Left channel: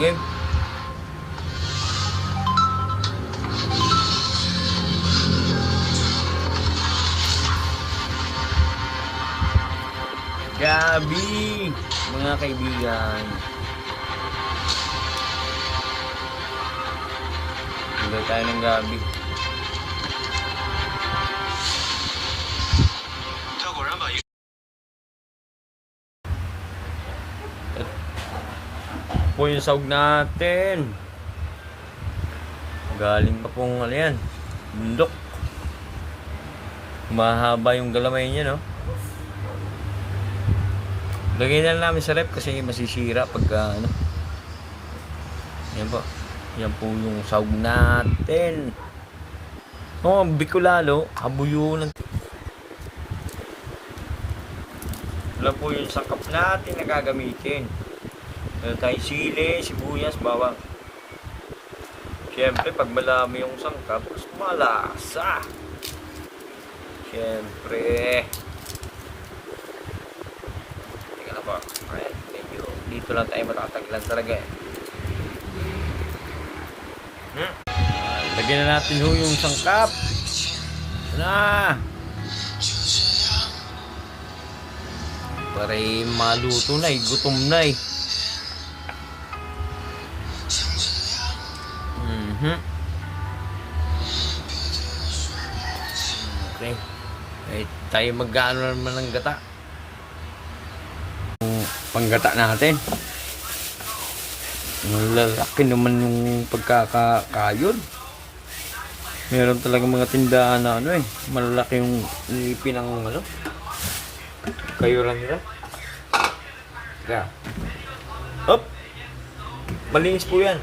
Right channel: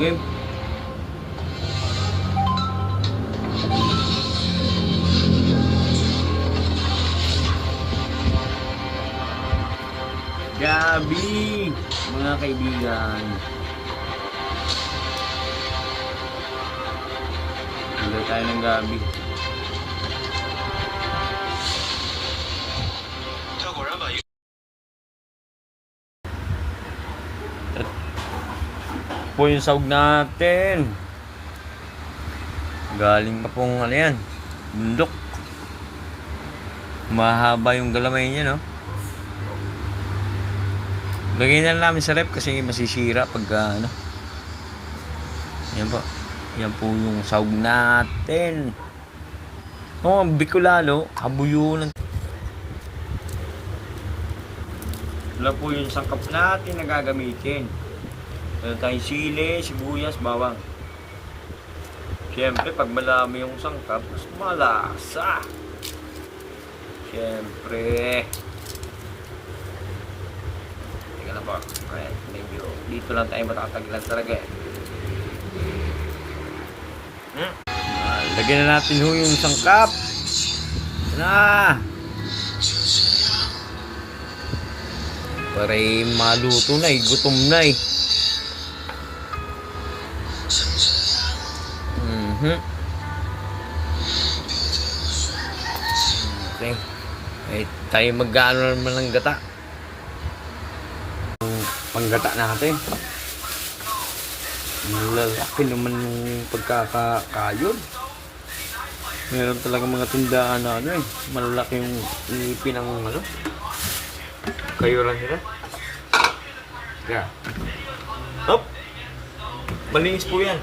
Game. Gabi, mga kaibigan. Tuloy tayo ng gabi. Po yung sahog natin. Galing pa pong ano yan, bundok. Mahaba yung galamay niya, no? Lagay na namin sa rep kasi masisira pag ano. Yan po. Yan po yung sahog natin. Oh, bikolalo, habuyunan. Wala po yung sakap natin na gagamitin. Meron tayong sili, sibuyas, bawang. Siyempre, pag malami yung sangkap, malasa. Siyempre. Teka na po. Alright, medyo dito lang tayo matatagilan talaga eh. Lagyan na natin ho yung sangkap. Na! Para maluto na eh, gutom na eh. Okay. Ay, tayo mag-ano naman ng gata. Panggata natin. Malalaki naman yung pagkakayod. Meron talaga mga tindahan na ano eh. Malalaki yung ipin ng ano. Kayuran nila. Ga. Hop! Malinis po yan.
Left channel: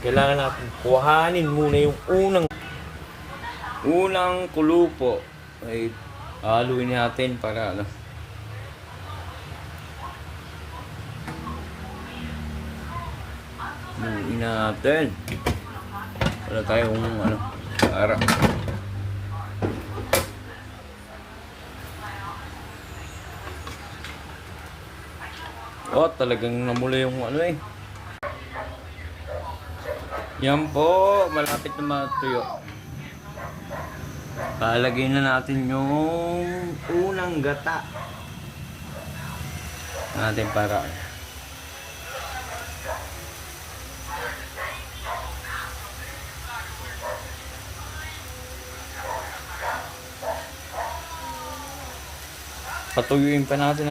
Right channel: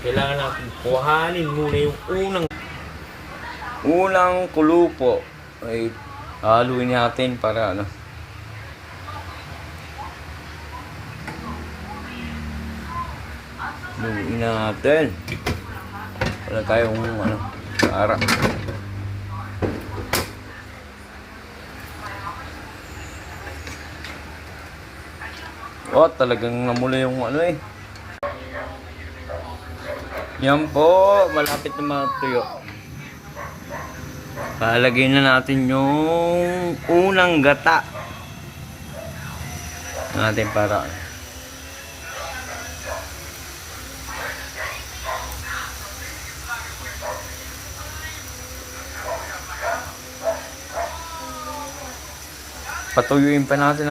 Kailangan natin kuhanin muna yung unang kulupo. Ay haluin natin para ano. Haluin natin. Wala tayong ano, para. Oh, talagang namula yung ano eh. Yan po, malapit na matuyo. Palagay na natin yung unang gata natin para patuyuin pa natin.